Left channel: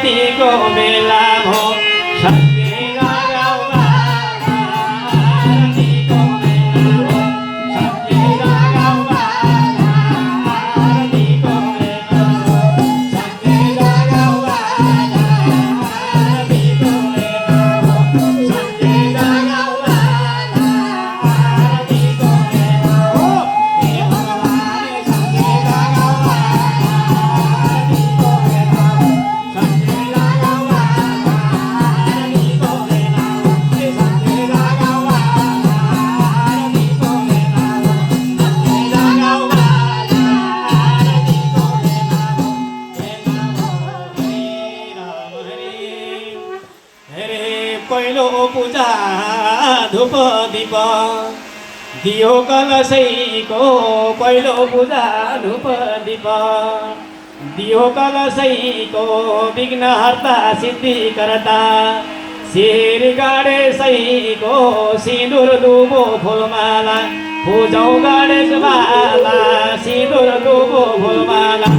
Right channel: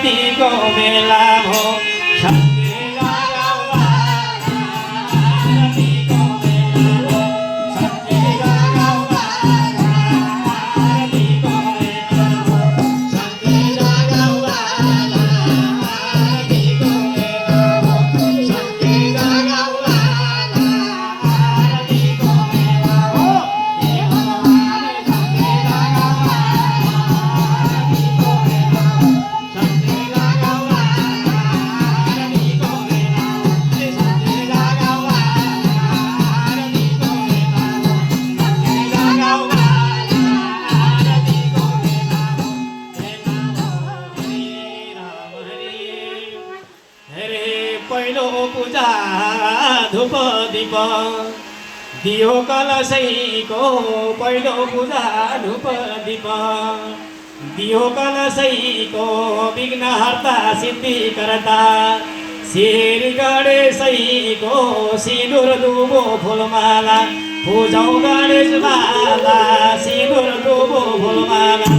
आरतीको बेला हो पहिलो पूजा धूप दीप दियो कलशैको पहिलो पूजा धूप दीप दियो कलशैको विघ्नहर्ता सिद्धिकर्ता शिर गणेशैको सिन्दुर दुबो फुलमाला पूजौ गणेश माला सिन्दुर दुबो फुलमाला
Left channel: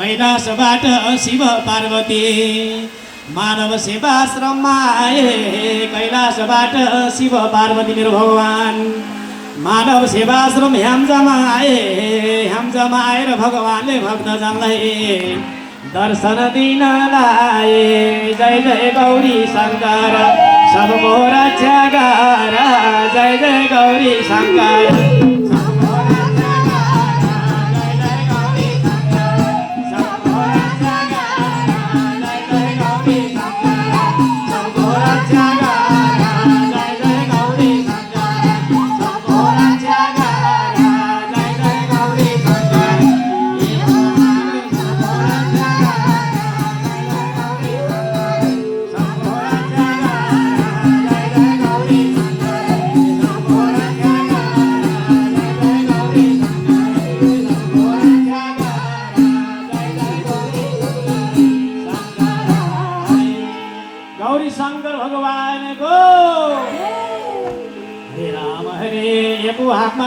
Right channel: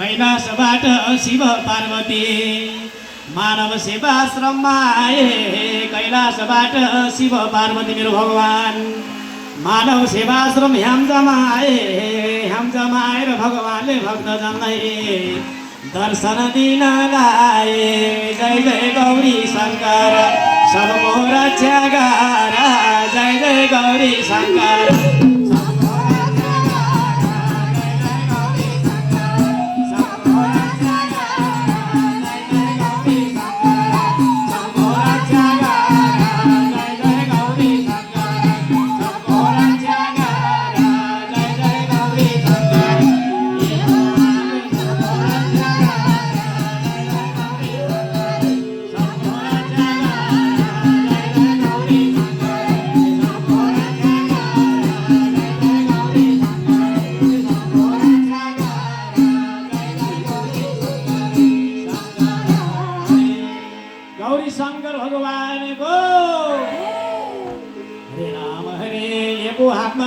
कैलाशबाट शिव पार्वती मानव सेवाश्रममा आए कैलाशबाट शिव पार्वती मेरो भगवान मानव सेवाश्रम ह्याम्जामा आएर भगवानले भक्तजनलाई दर्शन दिन लाए जय जय गौरी शङ्कर सबको रक्षा गर जय जय गौरी शङ्कर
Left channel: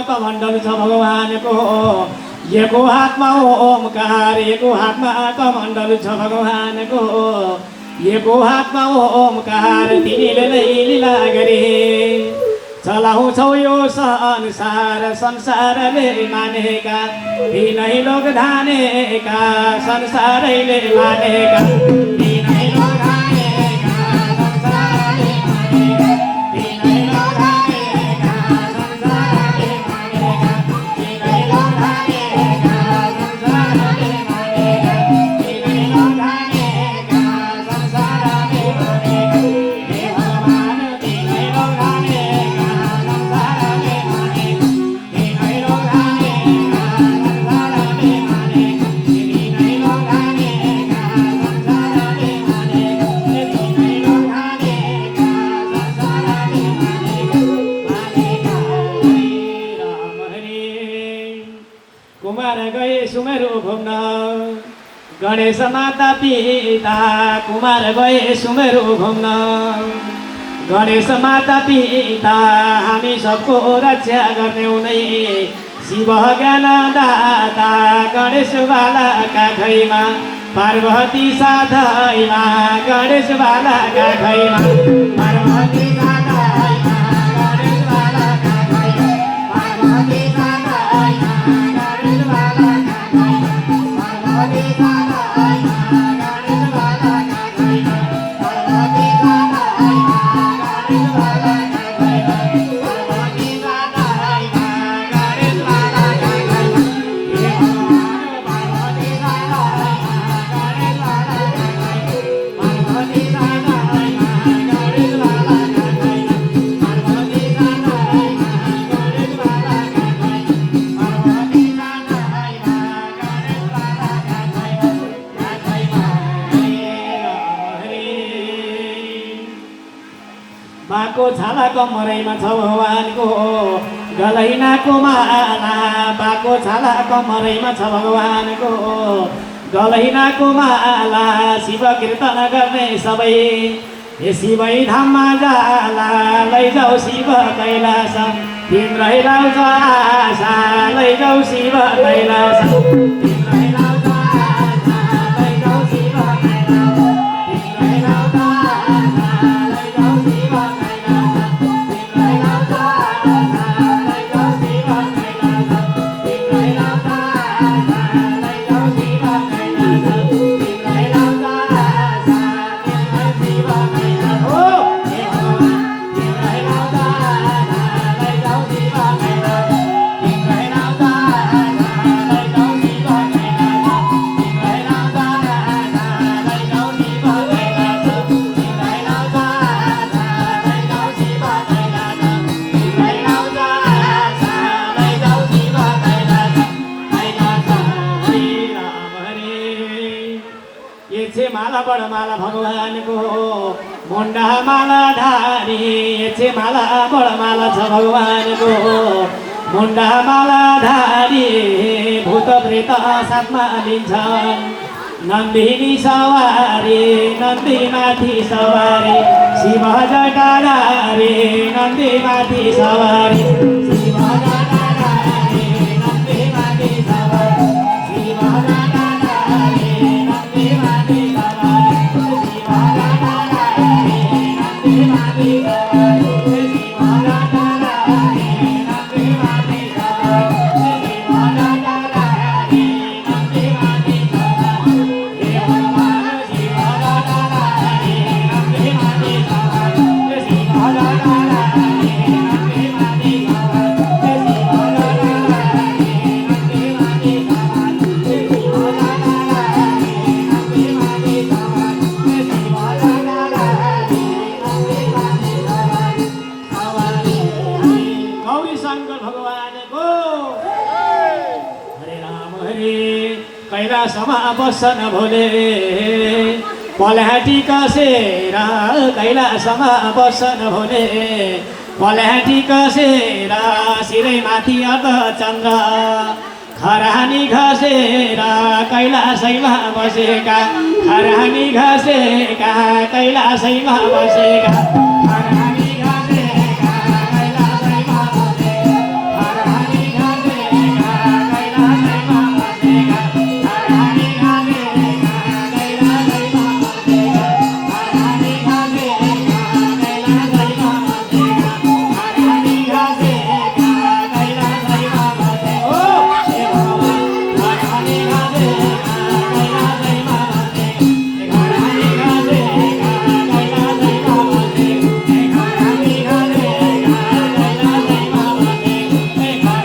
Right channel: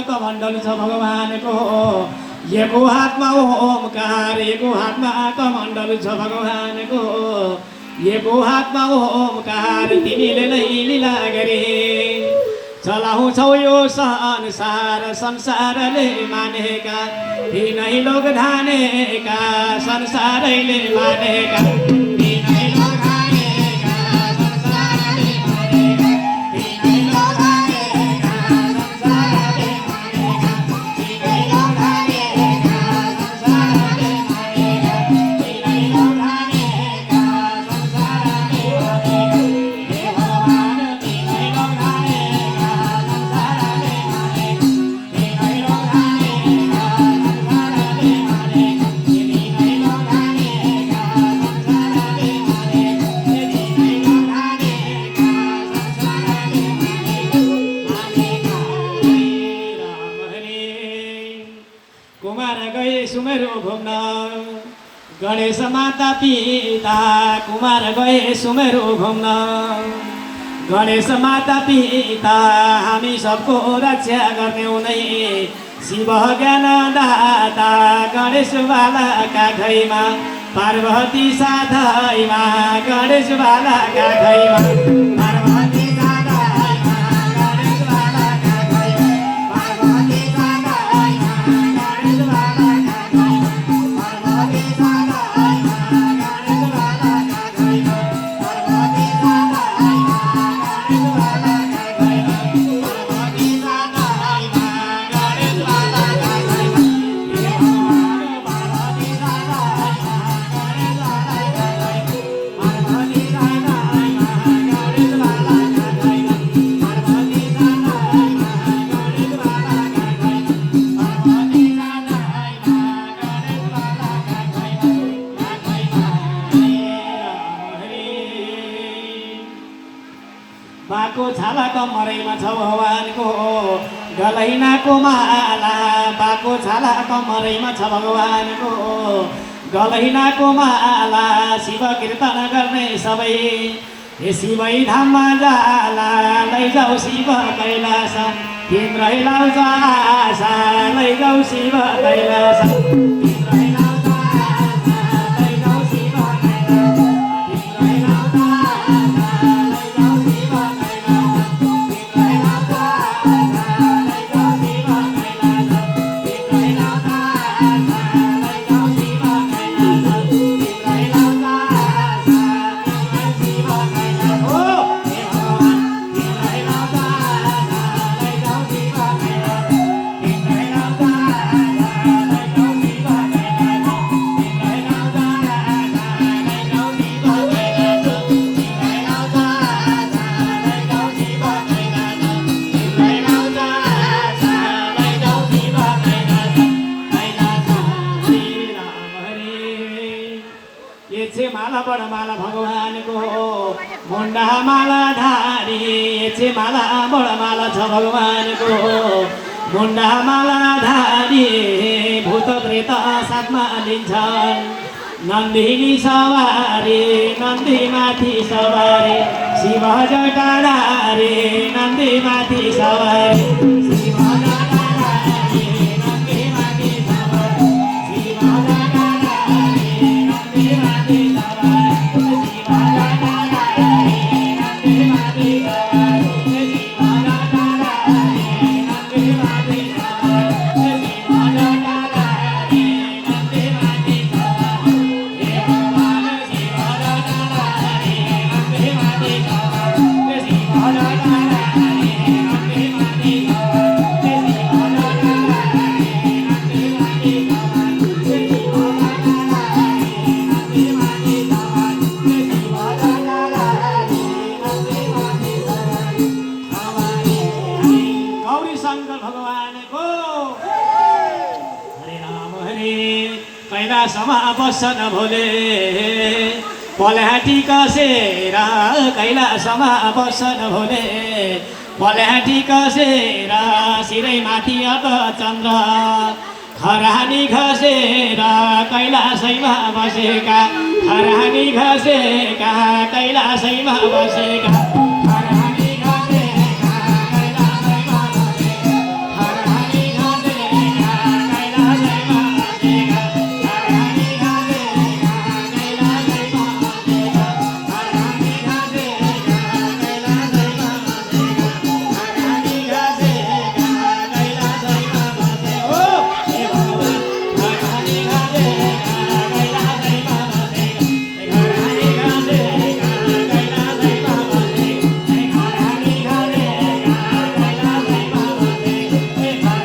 कमण्डल छ भगवानको एको हातमा ओमकार एको हातमा कमण्डल छ भगवानको एको हातमा ओमकार तिमीले नै लीला गरे चलाउँछौ यो संसार संसारले मानेका तिनै लोक धानेका संसारैले मानेका तिनै लोक धानेका संसारले मानेका तिनै लोक गणेश माता पिता कुमार गए सुमेरु घुम्न गणेश माता पिता हामी सबको रक्षा गर्ने उनै शिव ज्ञानदाता गणेश बालाका घैमा पार्वती साधैमा गणेश बालाका घैमा पार्वती साधैमा गणेश बालाका घैमा पार्वती साधैमा गणेश बालाका घैमा गलैनाको माला बाको छाला कमरैमा छ भगवानको गलैनाको माला शिव कीर्तन गर्ने सबै हे शिवै धाममा जाला लैजाऊ शिव कैलास तिम्रै लाउँछ आशा लैजाऊ शिव कैलास तिम्रै लाउँछ आशा लैजाऊ शिव कैलास तिम्रै लाउँछ आशा लैजाऊ शिव कैलास तिम्रै लाउँछ आशा लैजाऊ शिव कैलास तिम्रै लाउँछ आशा लैजाऊ शिव कैलास तिम्रै लाउँछ आशा तिम्रै शिव कैलास हो हे भगवान तिम्रै लाउँछ आशा लैजाऊ शिव कैलास तिम्रै लाउँछ आशा लैजाऊ शिव कैलास तिम्रै लाउँछ आशा लैजाऊ शिव कैलास तिम्रै लाउँछ आशा लैजाऊ शिव कैलास तिम्रै लाउँछ आशा लैजाऊ शिव कैलास कैलास हरे राम हरे ये छे माला बडमाला भगवानको मुन्डा माला धारी ये छे माला बडमाला छ भगवानको मुन्डा माला धारी भूत प्रेत साथमा लिन्छन् नन्दिनी सवारी नन्दीमाथि सवारी शिव जटाधारी नन्दीमाथि सवारी शिव जटाधारी नन्दीमाथि सवारी शिव जटाधारी नन्दीमाथि सवारी शिव जटाधारी नन्दीमाथि सवारी शिव जटाधारी नन्दीमाथि सवारी शिव जटाधारी नन्दीमाथि सवारी हे भगवान शिव जटाधारी नन्दीमाथि सवारी शिव जटाधारी नन्दीमाथि सवारी शिव जटाधारी नन्दीमाथि सवारी शिव जटाधारी गौरी शङ्कर भगवानको हरे राम हरे कैलासमा बस्छन् भोले पल्याटी कसेर कैलासमा बस्छन् भोले पल्याटी कसेर शिरैमाथि अब चन्द्र खरानी घसेर कैलासैमा बसेका खरानी घसेका कैलासैमा बसेका